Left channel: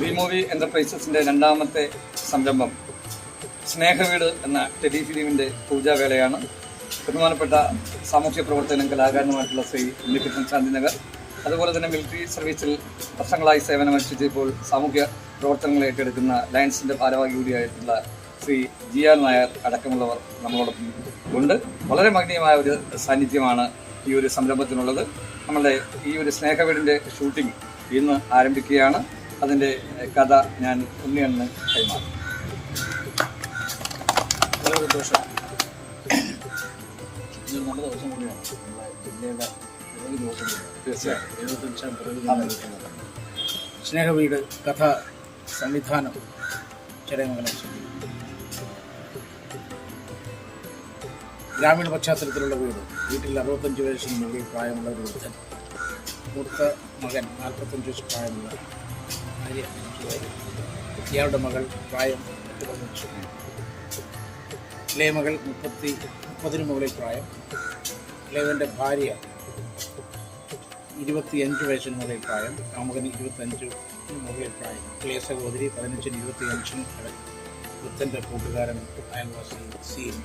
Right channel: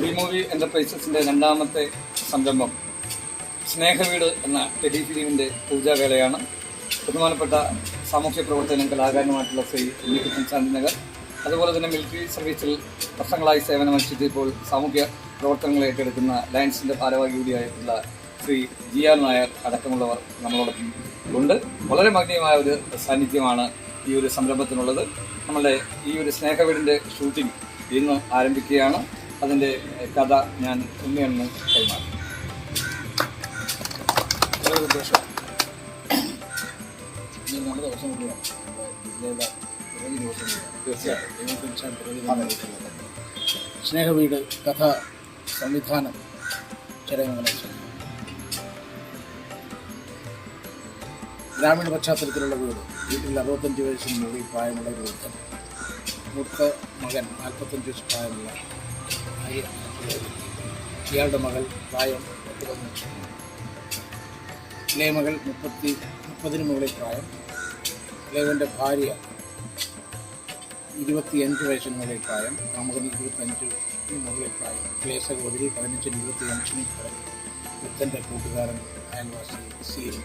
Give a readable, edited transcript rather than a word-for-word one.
V movie എന്റർപ്രൈസസിന്റെ രണ്ടാമത്തെ സംരംഭം സ്നേഹവീട് എന്ന ടെലിഫിലിമിന്റെ പൂജാവേളയാണ്. ബഹുമാനപ്പെട്ട സാമൂഹ്യ പ്രവർത്തനം കലാകാരനുമായിട്ടുള്ള ശ്രീ ഉണ്ണികൃഷ്ണൻ ശാന്തിനഗർ, അതുപോലെ തന്നെ മിലിറ്ററി സർവീസിൽ വർഷങ്ങളായി സേവനമനുഷ്ഠിച്ച് ഇപ്പോൾ സാമൂഹ്യ പ്രവർത്തനങ്ങൾ ഏറ്റെടുക്കുന്ന ലയൻസിന്റെ ഭാരവാഹി കൂടിയായിട്ടുള്ള ശ്രീ ജിയാർ നായർ അടക്കമുള്ളവർ നമ്മളോടൊപ്പം ഉണ്ട്. വളരെ മഹനീയമായ ഒരു സാന്നിധ്യമാണ് ഈ ഒരു സംരംഭത്തിനുള്ളത്. നമ്മളുടെ ഈ ഒരു സ്നേഹവീടിന്റെ ഷൂട്ടിംഗ് ഇന്ന് ആരംഭിക്കുകയാണ്. അതിൻ്റെ കഥ ഞാൻ ഉണ്ണിയണ്ണന് കൈമാറി. വളരെ സന്തോഷം. ഇതൊരു നല്ല ദിവസം കൂടിയാണ്. നമ്മുടെ ജില്ലയിലെ പിറവി ദിവസം കൂടിയാണ്. തീർച്ചയായും 75ാം പിറവി ദിവസം. സ്നേഹവീട് കഥ സംവിധാനം ചടയമംഗലം ശരി. ഗ്രാമീണ പശ്ചാത്തലത്തിലുള്ള വീട്ടിൽ 65 വയസ്സിന് മുകളിൽ പ്രായമുള്ള ഒരു വൃദ്ധൻ, മൂത്ത മകൻ 45 വയസ്സ് പ്രായമുള്ള ഭാര്യ, ഇയാളുടെ മകൾ പ്രായം 15, ഇളയ മകൾ 30 മുകളിൽ പ്രായം, ഇളയവൻ്റെ ഭാര്യ 25 വയസ്സിന് മുകളിൽ പ്രായം, കാമുകന് 25 മുകളിൽ പ്രായം, ഇളയ സഹോദരി 15-25 വൃദ്ധൻ്റെ കൂട്ടുകാരൻ അയൽവാസി സീൻ